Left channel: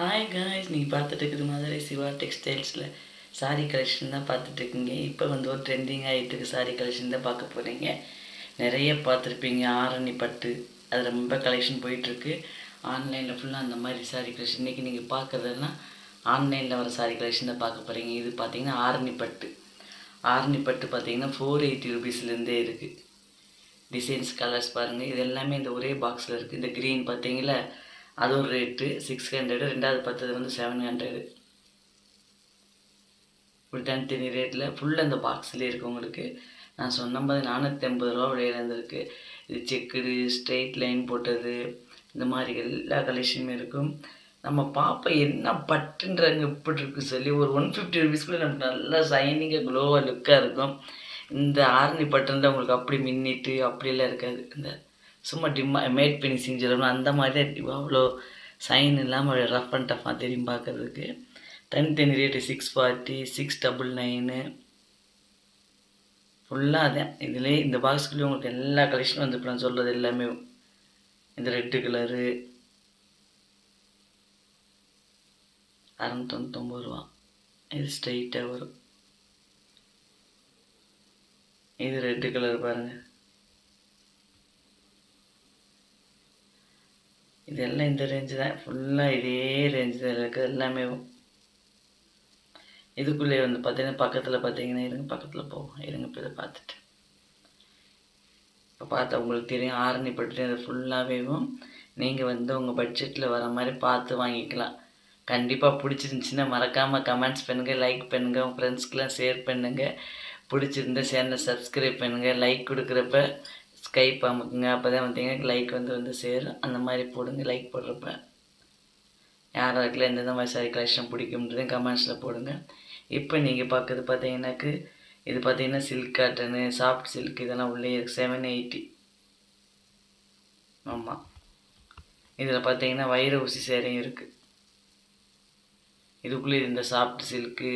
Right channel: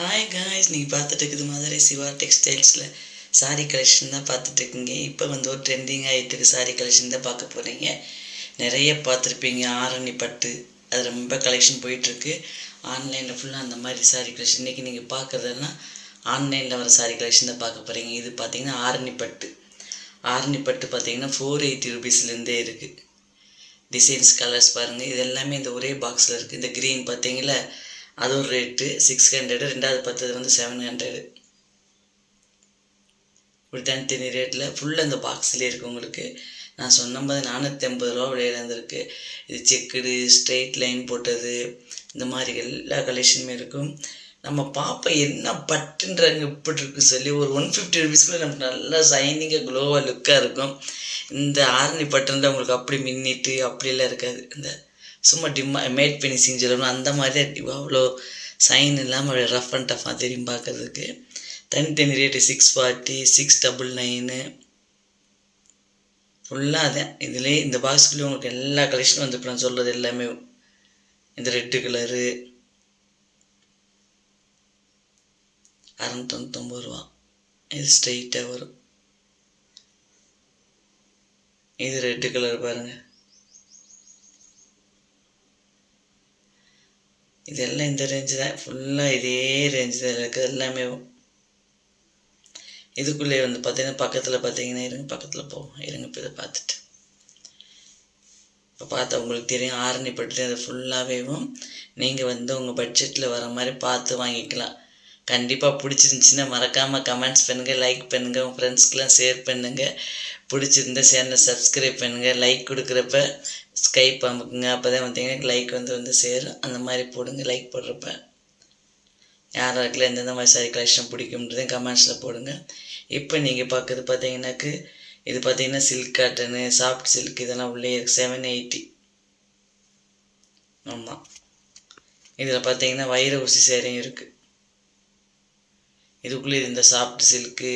Hi guys, நீங்கள் பார்த்துட்டு இருக்குது மதுரை சிவா டெக்ஸ்டைல்ஸில் சாரீ கலெக்ஷன் தான் பார்த்துட்ருக்குங்க. இப்போ வந்து ஒரு ட்ரெண்டிங் ஆகிட்டுருக்கு சாரீ கலெக்ஷன் தான் பார்க்க போகிறீங்க. நிறைய பார்த்துருப்பீங்க. ஆரணி பட்டு அது ரொம்ப கலெக்ஷன் போயிட்டுருக்கு. ஆன்லைனில் ஃபுல்லாக அந்த மாதிரி சாரீ கலெக்ஷன். இன்றைக்கி நீங்கள் பார்க்குறதெல்லாம் ஆன்லைனில் வர சாரீ கலெக்ஷன் தான் பார்க்க போகிறீங்க. இது பார்த்திங்கன்னா ஆரணி பட்டு. ஆரணி பட்டு பார்த்திங்கன்னா 480 ரூபீஸ்லேருந்தே இருக்குது. டிசைன்ஸ் கலர்ஸ் பாருங்கள். இது எல்லாமே இந்த ஒரே பாக்ஸில் இருக்குது. இந்த க்ரீன் பார்த்தீங்களா, அது ஒரு ரேட்டு 600. ரெண்டாவது பார்த்தது வந்து 700. இப்படி தனித்தனி ரேட்டில் ஃபுல்லாக இந்த பாக்ஸ்லேயே இருக்குது. உங்களுக்கு நான் சொன்னபோது 450 ரூபா விலையில் இருந்திருக்கு. இது செக்குடு, ஸ்ட்ரெயிட் லைன் போட்டது, இந்த மாதிரி எல்லா கலெக்ஷனுமே இருக்கும். நம்ம பார்ப்போம் என்ன பட்டுன்றாங்க இப்படி இருக்குன்னு சொல்லி. ஒரு 150 ரூபீஸ்க்குள்ளே நமக்கு நல்லா ஷைனிங்காக க்ளோவாக லுக்காக இருக்கும். இந்த ஆரணி பட்டுன்ற உங்களுக்கு அப்படி மின்னிட்டு அப்படியெல்லாம் இருக்காது. இந்த சும்மா மேட் ஃபினிஷிங் சொல்லணும், அந்த மாதிரி தான். அவ்வளோ சைன் இல்லாமல் ரஃப் அண்ட் டஃப்பாக தெரியும் பார்க்குறதுக்கு. தனித்தனி ரேட்டு 640, 699 ஃபுல்லாக அதான். இதிலே இந்த பாக்ஸ்குள்ளே உங்களுக்கு எல்லா கலெக்ஷனும் வந்து இப்போ நான் சொல்கிறது எல்லாமே. இந்த ரெட்டு கலரு 699 ரூபா. இது ஸ்ட்ரெயிட்டாக வரும். இது ரெட்டு கலர் பாருங்கள். இதெல்லாம் இந்த ரேஞ்சு தான். ஃபுல்லாக இதே ரேஞ்சு தான் இருக்குது எல்லாமே. இதுக்குள்ளே வந்து பார்த்தீங்கன்னா பக்கத்தில் பார்த்தீங்கன்னா பக்கத்தில் போவோம் இப்போ இதை பார்த்துட்டு இப்போ பார்த்தா உங்களுக்கு தெரியும். ஆரணி பட்டு அது ஃபுல்லாகவேவும் நீங்கள் வந்து உங்கள் பட்ஜெட்டில் வர மாதிரி பார்த்து வாங்கிக்கலாம். கண்டிப்பாக பிடிச்சிருந்துச்சின்னா மறக்காமல் கமெண்ட்ஸ் பண்ணுங்கள், லைக் பண்ணுங்கள், உங்கள் ஃப்ரெண்ட்ஸ்க்கெலாம் ஷேர் பண்ணுங்கள். பிடிச்சிருந்த சேனலை சப்ஸ்கிரைப் பண்ணுங்கள். லைக் கொடுக்குறப்ப ஸ்கைப் அமுக்குங்க. அப்போ தான் பார்த்தீங்கன்னா லைக் வந்து சேரும். அந்த மாதிரி போடுங்க. லைக் போடுறப்ப யாராருக்குலாம் எந்தெந்த மாதிரி சாரி கலெக்ஷன் பிடிக்கும்ன்றதையும் கமெண்ட்ஸில் போடுங்க. இப்போ நீங்கள் பார்க்குறது பார்த்தீங்கன்னாக்கு இது பார்த்தீங்கன்னா சில்க் காட்டனு, சாஃப்ட் சில்க் இதெல்லாம் உள்ளே இருக்குது. 780. ஆமாம். இதில் பார்த்தீங்கன்னா வைர ஊசி சேரையும் இருக்குது. இதுக்குள்ளே இந்த சாஃப்ட் சில்க்கு,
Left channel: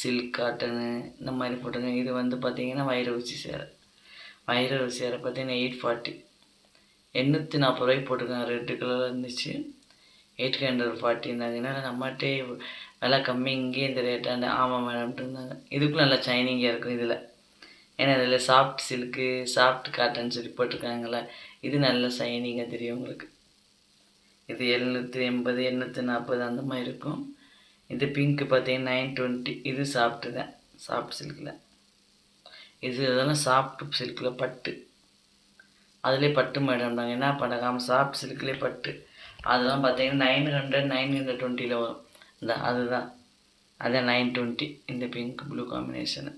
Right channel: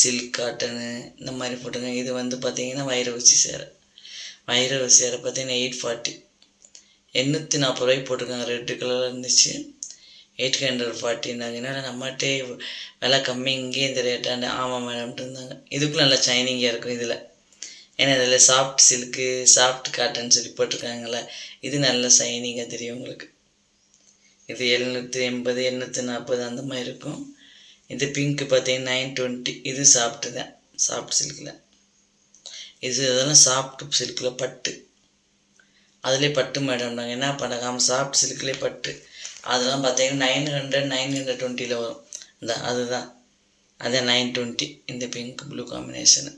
சில்க் காட்டனு இந்த மாதிரி போட்டுங்க. இது வந்து பார்த்தீங்கன்னா வைர ஊசி சேரை. வைர ஊசி சேரை பார்த்தீங்கன்னா 840. 840 ரூபாய்க்கு போட்டிருக்காங்க. ரெட்டு கலரில் இருந்துச்சு. 840 நம்மகிட்டே விலை கம்மி, இங்கே இந்த ரேட்டாண்டு. ஆமாம் மேடம்ட்டு இருந்தாங்க. இதுக்குள்ள நல்லா ஷைனிங்காக இருக்கும் இதில். ஏன்னா இதில் சாஃப்ட் சில்க்கு, சாஃப்ட் காட்டன் சொல்லி போட்டிருக்காங்களே, இது நல்ல ஷைனிங்காக தெரியும் உங்களுக்கு. இது 780, 840 அந்த மாதிரி இருக்கும். இது பிங்க்கு பார்த்தீங்கன்னா 920. இது சாஃப்ட்டு தான், சாஃப்ட் சில்கில். இதெல்லாம் சாஃப்ட் சில்கில் பட்டு. அதிலே பட்டு மேடம்னாங்க. என்ன பண்ணாங்க, சாஃப்ட் சில்க்லேயே பட்டு. அதெல்லாம் பார்த்தீங்கன்னா 900, 920 வரும். அதுதான் 920. இந்த பிங்க் ப்ளூ காம்பினேஷனு.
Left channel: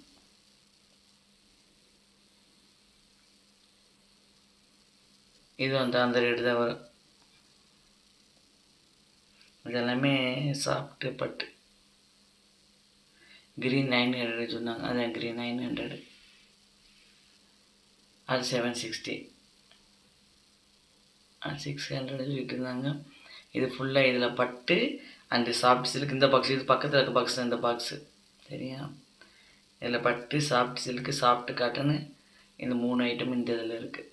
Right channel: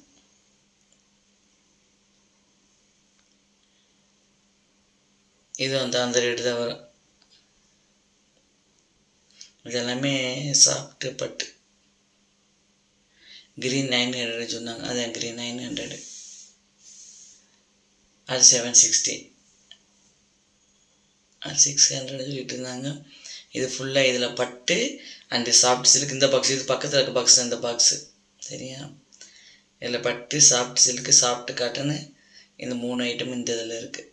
இது வந்து அந்த ரேட்டு தான் வரும். இது எல்லாமே சாஃப்ட்டு பட்டு. க்ரீன் 900 சொன்னாங்க. அதான் க்ரீன் 900. அது 760. அது 600 சொல்லிட்டு இருந்தாங்க. இது ஃபுல்லாக இதில் பட்டு அண்டு சாஃப்ட் சில்க். இந்த பாக்ஸ், இது பக்கத்தில் இருக்க பாக்ஸ் தான் இந்த பாக்ஸு. சரியா? இதில் பட்டு, சாஃப்ட் சில்க்கு, சாஃப்ட் காட்டனு, இந்த 3 ஐட்டம் இந்த இதில் இருக்குது.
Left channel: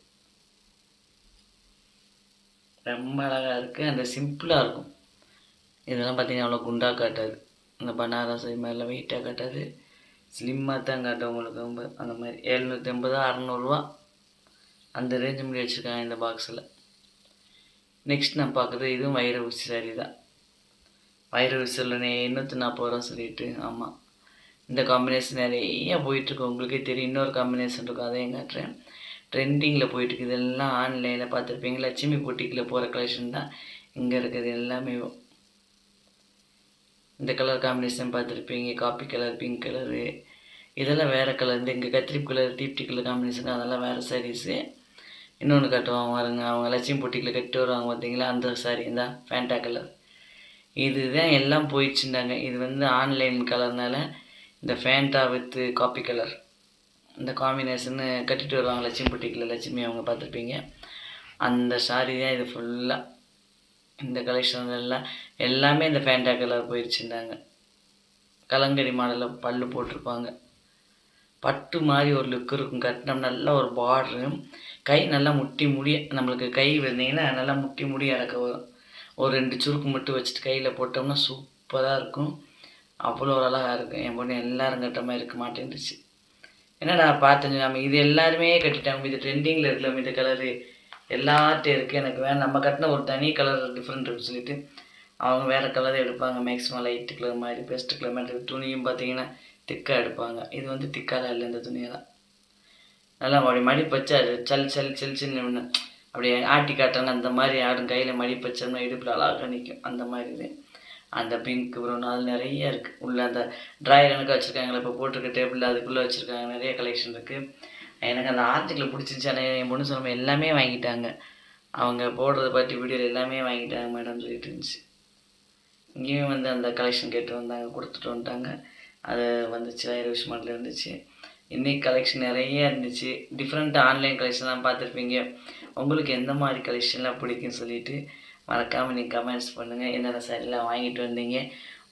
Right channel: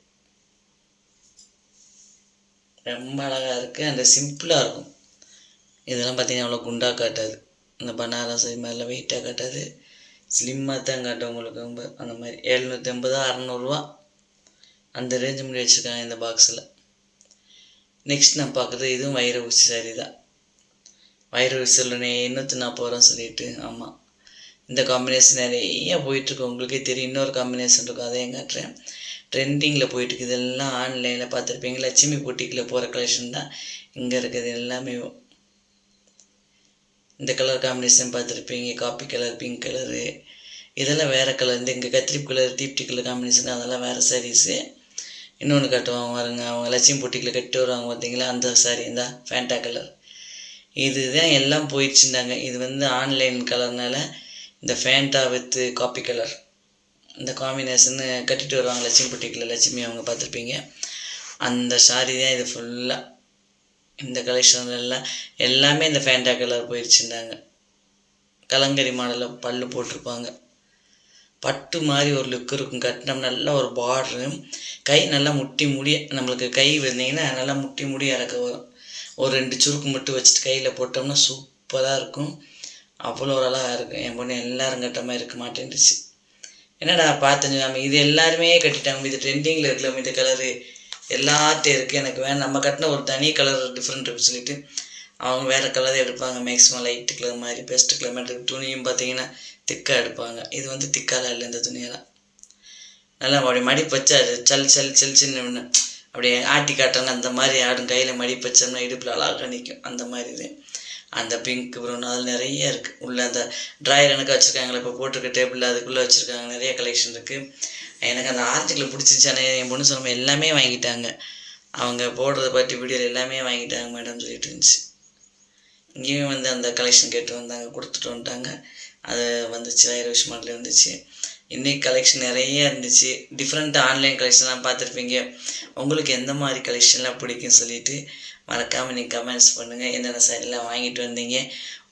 ரொம்ப அழகாக இருக்குது. அண்டு சிம்பிளாக இருக்கும். இதெல்லாம் பார்த்தீங்கன்னா அவ்வளோ குண்டாக காட்டாது. இந்த பனாரஸ் இது மாதிரிலாம் வெயிட்டாக காட்டாது. ஸ்லிம்மாக தான் காட்டும் உங்களுக்கு. ரொம்ப அந்த மாதிரி 780, 600 அந்த ரேஞ்சு முடி வச்சுருக்காங்க இந்த பாக்ஸில். நெக்ஸ்ட் நான் பார்க்குறது இதுவும் வைர ஊசி சாரி தான். வைர ஊசியில் 840 ரூபா சொல்லிட்டு. ஆமாம். இந்த காம்பினேஷன் நிறைய போயிட்டுருக்கு. உங்களுக்கே தெரியும். இன்னொரு காம்பினேஷன் இருக்கும், அதையும் காட்டுறேன். ட்ரெண்டிங்கில் போயிட்டுருக்கு. இதெல்லாம் ஆன்லைனில் பார்த்துருப்பீங்க. லட்சுமி பொட்டிக்கில் போகிற கலெக்ஷன் தான் இங்கே இருக்குது எல்லாமே. இந்த கலர் காம்பினேஷன் பார்த்துருப்பீங்க. காப்பி கலர், பிங்க் கலரு, இதெல்லாம் வேறு கலர். இந்த இங்கே கத்திரிப்பு கலர், தீப்டி கலர் காம்பினேஷன், அதெல்லாம் வேறு சாரீஸு. இன்னொன்று கட்டுவாங்க பாருங்க, அவங்க லட்சுமி பொட்டிக்கில் கட்டி வருவாங்க பார்த்தீங்களா, அந்த சாரீ தான் ஃபேண்டா கலர். இதுதான் எல்லாம் போயிடுச்சுட்டாங்க. இது வந்து ஆன்லைன் கலர்னால இந்த ஃபேண்டா வித் காப்பி கலர் இந்த காம்பினேஷன்னு கட்டிட்டு வருவாங்க லட்சுமி பொட்டிக்கில். லட்சுமி அவங்க பார்த்துருப்பீங்க. அந்த சாரீ தான் இது ஃபுல்லாக. இந்த கலெக்ஷன்லாம் எல்லாமே இந்த ஃபேண்டா கலர் போயிடுச்சுட்டாங்க. கலங்கரி மாடலில் பல்லு போட்டிருப்பாங்க. பட்டு மாதிரி ஒரு லுக் இருக்கும். கட்டினோம் நல்லா ஒரு பார்டரு. கை நல்லா முட்டி முடிய நம்மளுக்கு கை வந்தீங்கன்னா நல்லா முட்டி முடிய இறக்க வரும். ஒரு 2 சுருக்கு மட்டும் வச்சுட்டு கையில் போட்டோம்னா சூப்பராக இருக்கும். அவ்வளோ ஒரு அழகாக இருக்கும். என் பொண்ணு எல்லாரும் கட்ட மாதிரி இருக்க மாட்டேன்ருச்சு. என்னடா பார்த்தேன் நம்ம இது எல்லாருமே கட்டிட்டாங்க, இது ட்ரெண்டிங்கில் இருக்குல்ல இந்த கலரு எல்லார்ட்டையும் இருக்குது, எனக்கு வேணும், நம்ம கட்டின ஒரு தனி கலர் டிஃப்ரெண்ட் இருக்குன்னு சொல்லிட்டு அவங்க வேறு கலர் எடுப்பாங்க. மேக்ஸிமம் லைட்டு கலர் மாதிரி பெஸ்ட் கலர் மாதிரி துணியும் பார்த்தீங்கன்னா திக்காக எடுப்பாங்க. இது வந்து திக்காலாம் இல்லை, இந்த துணியெல்லாம் நல்லா அப்படி மடிப்பு வச்சா அது சின்ன அப்படியே ஆட்டி காட்டுறாங்க அந்த மாதிரி ஆடும். கையில் மடிப்பு வச்சோம்னா இடுப்பில் அழகாக நிற்கும் அந்த மாதிரி இது. அந்த பிங்க் ப்ரௌன் அதில் நிறைய இருக்குது. உள்ளே அந்த ட்ராயர் எனக்கு வச்சுருக்காங்களே இப்போ போட்டிருக்க டேபிளில் அதுக்குள்ளே வச்சுருக்காங்க, நிறைய கலெக்ஷன் இருக்குது. எனக்கு அந்த ஆர்டிக்கில் பிடிச்சிச்சானே என் பொண்ணு சொன்ன எல்லாமே வாங்கிட்டாங்க. அவங்க போடுறத பற்றி வீடியோவில் எல்லாமே வாங்கிட்டாங்க மேடம் சொல்லிட்டு இருந்துச்சு. இங்கேயும் வந்து அந்த கலெக்ஷன் கேட்டு வந்தாங்க, கொடுத்துட்டு வந்துட்டாங்க. அது வந்துச்சு, ஐரிஷ் மாடல் வந்துச்சு. இன்றைக்கி கலெக்ஷன் நிறைய இருந்துச்சு. டிஃப்ரெண்ட்டாக ஆன்லைன் கலெக்ஷன்லாம் பார்த்துருப்பீங்க. உங்களுக்கு எந்த மாதிரி கலெக்ஷன்லாம் பிடிக்குன்னு சொல்லிவிட்டு மறக்காமல் நீங்கள் கமெண்ட்ஸ் பண்ணுங்கள். என்னென்ன சாரீலாம் வாங்கிட்டு வந்தீங்க,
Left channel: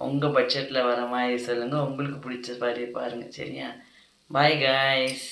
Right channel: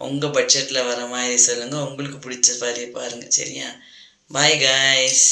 உங்கள் பட்ஜெட்டில் வர மாதிரி சொல்லுங்கள். உங்களுக்கு பிடிச்ச மாதிரி பாருங்கள். சரியா? Bye guys.